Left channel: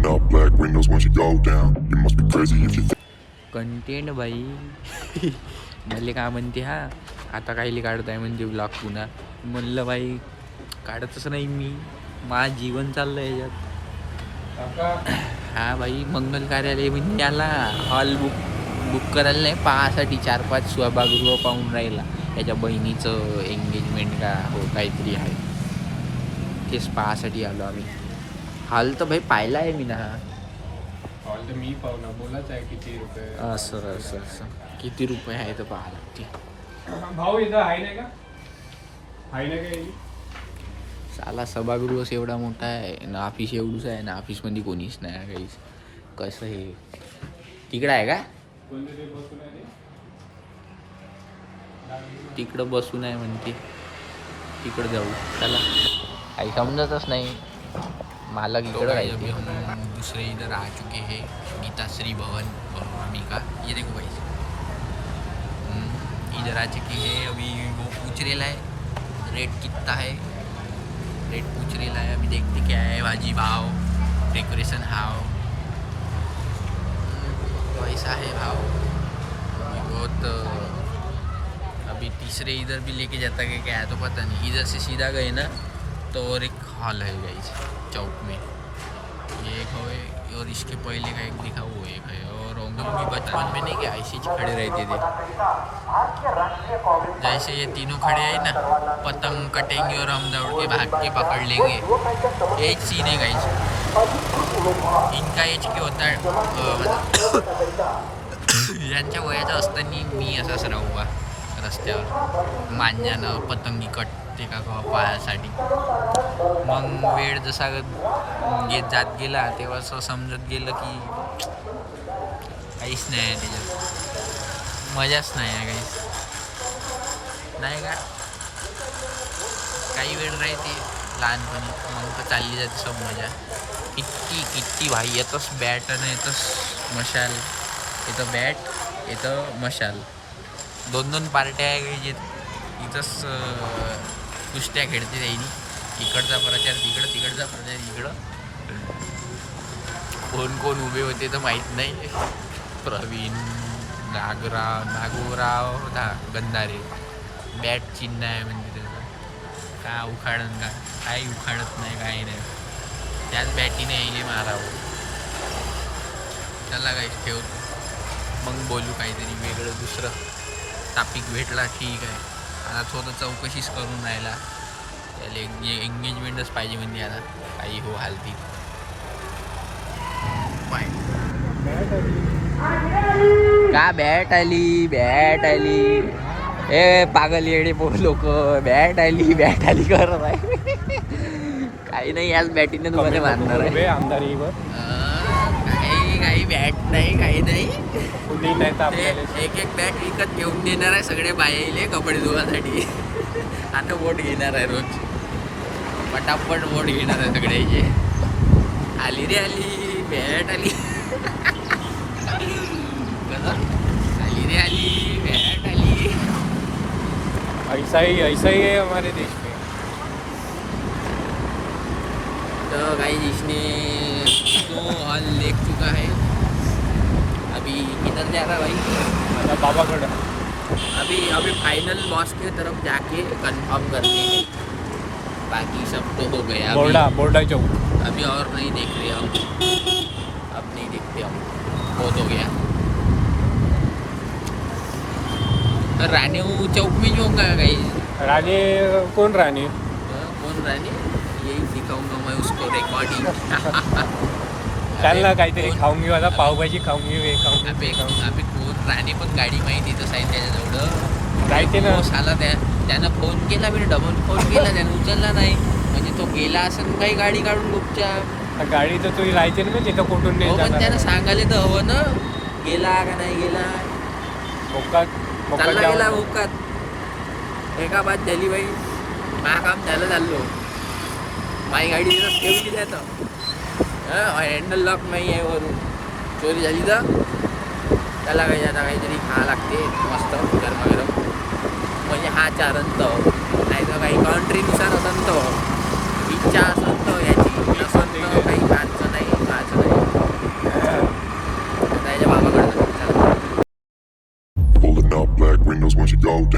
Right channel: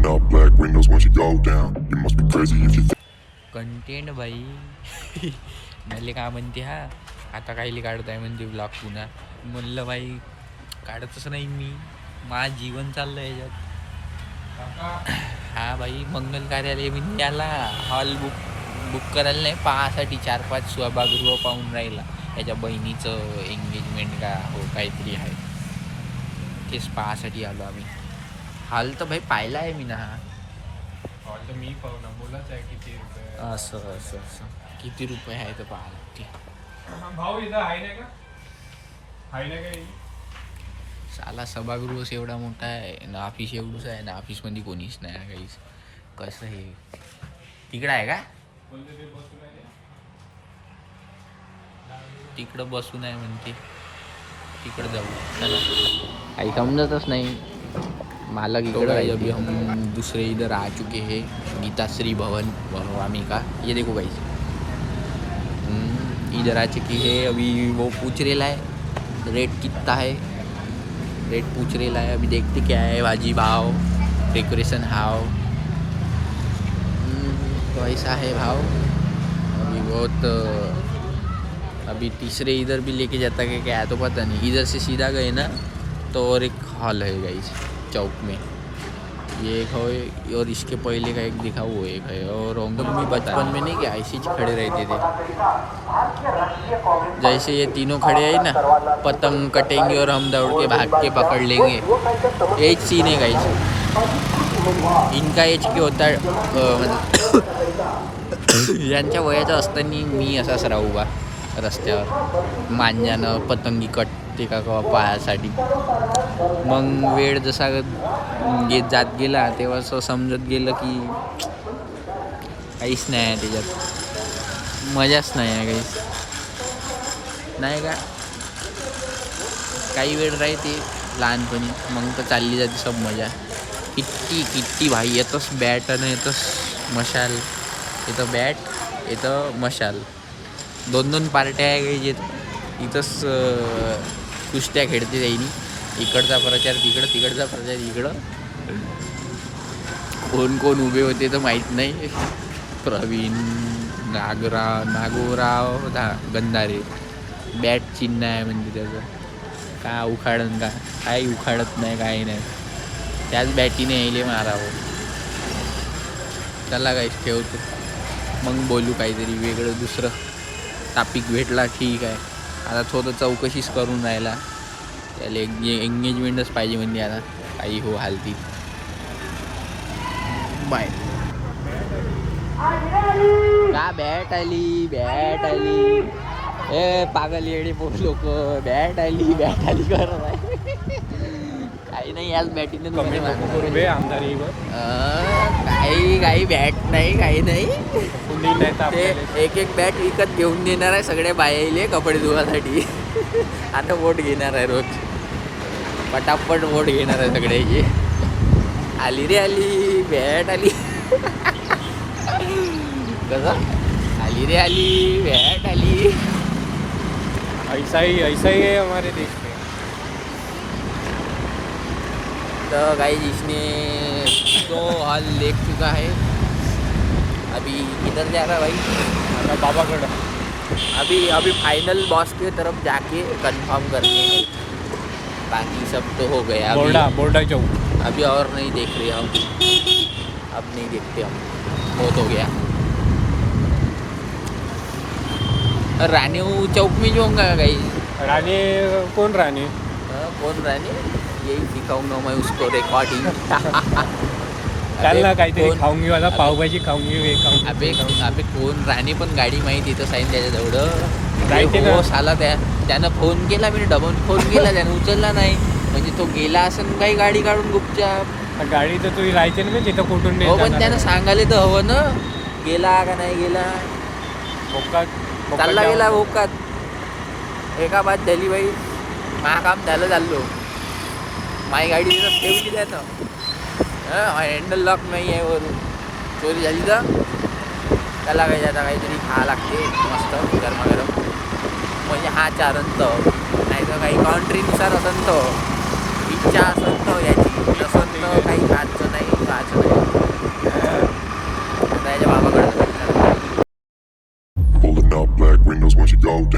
Rolling up black windows once you go down. You must be crazy if you think. Content बाई झाले का म्हणते हा आता काही काढताय म्हणजे ब्लॉग पुन्हा म्हणलं बाई काढतच नाही मी माझं जीवन चाललं याच्यात. हा बाई मंगल कार्यालय म्हणजे याला हॉल बुक करायला नाही पाहासाठी 4-5 सभागृह पाहून राहिला. त्याच्या बहिणीचं एंगेजमेंट का हो काहीतरी आहे तेच पाहासाठी आलो आम्ही. हॉल तर भाई पाहिला आहे मी ना. हॉल तर मी पाहू ना बोलाच आहे किती रुपये. असं किती रुपये आहे तर पाहा लागते. भाऊ इथं आहे नाही का आहे ना काय साला सभागृह एवढा मोठा आहे ना ऑफिस एवढंच आहे ना ऑफिसमध्ये कोणीच नाही आहे काहीच. कसं हे तिकडं आहे का कोणतं ते बसून आहे तिकडं बसून आहे म्हणते तिकडं जाऊ काही समजतच नाही. मालक इकडं है. अभी हम दूसरे इधर आ चुके हैं गीताश्री भवन वनवामी का. ये देखो भाई इधर आ चुकी है. अभी वो पूछ रेला है रेट कितना है. रेट पूछ रेला है. अभी देखते क्या है भाजी भाव डेकोरेशन हाव कैसा है भाव. अभी बहुत अभी तीसरे इधर भी लेके जाता है क्या तो पता नहीं. इधर से सीधा गए ना तो और एक हॉल है गाइस चौक में. ये एक है और इसके पहले का एक दिखा वो एक है. और हम लोग भी बचपन में नहीं क्या ऐसे ही खड़े रहते थे जैसे ये तीनों खड़े हैं ना पतंग कटेंगे और हम दौड़ के भाग के पकड़ लेंगे. यही सीन है गाइस. इनका एज के होता यांच्या वयाचं असताना मी असाच राहू बा रस्त्यावर मांजानं पतंगी कटते का पायासाठी. मग वेळ जसा जात गेला तेव्हा असं समजत गेलं की काहीच नाही आहे त्याच्यात मजाच नाही आहे काहीच नाही का. काही वेळ राहते लहानपणी मग तर चालली जाते सब मजा. किती भाई येतच बॅट आणि येतच मशाल. इथं बॅट इथं मशाल 2 पार्ट्या आहे काही जे इथंच कुस्त्या खेळते त्यांनी. इकडचा प्रचार तिकडं तिकडचा प्रचार इकडं. कोण उभे होते तर माहीत नाही. प्रवीण नागोराव गंधारे बॅट चिन्ह आहे म्हणजे त्याचं का उखाडन का काही उखाडत नाही काही नाही. त्याच बॅटीने यायले मारावं. चला काहीच ठेवतो मग बोलू काहीतरी वेगळं दुसरं टॉपिक भेटला ठीक आहे. आता थोडं चौकशीच करून राहिला त्याला एंगेजमेंटच पाहिजे म्हणजे आता काही हो हालती. बाय का बॅट आली ए पागल येडे लोक बॅट आली करत आहे. काही नाही याच बॅटीने तुम्हाला मारणार आहे. काही बॅट नाही काही नाही. ते एक बॅट विकत घेऊन देणार आहे सगळे बायाले कपडे धुवासाठी. आता वोट घेणार आहे रोज पटापट वोट घेणार आहे सगळ्याची. आली रे आली बॅट आली कसं आली रे आली बॅट आली. ऐसा ही है हमारे देश में. तो गाइस इसने तो हॉल देख चुका है. अभी किधर जा रहा भाई बाबा गढ़. अभी फाइनल बॉस की तरफ जाके कंफर्म करने हैं. बाकी सब तो हो गया. बोर्डा चौक अभी और नहीं देख रहे हम. अब नहीं देखते हम बहुत हो गया. रानी चौक में जाऊँगा गाइस. रानी कौन रानी यही दिखाऊंगा मैं उसको रिकॉर्डिंग. खाऊंगी वाला पावभाजी खाऊंगी. अबे कोण राणे पण गाडी माहिती तर साईन त्याच्याजवळ हो साला त्यानं फोन केला मी डबल फोन केला त्यानं उचलला नाही म्हणजे तो गेला असं काही गाडी काढून गुपचाप. गाडी तर तुझी राहायची ना तिथं कुठून हो पण त्यानं सांगायला तर हवं ना गेला का नाही गेला. चालला गेला भोकात एका बाद झाली बाई. माझं काम झालं चाललो माझी गाडी तिथं ठेवली त्यानं. हँडल लॉक नाही आहे वरून चोरी झाली तर त्याला काही आता काहीतरी खा लागते मस्त गरमागरम म्हणजे हा चारंत नाही तर काही काउंट्रीनुसार असन तो इच्छा असन तो याची नसन तर काही खायचं नाही up, black windows once you go down.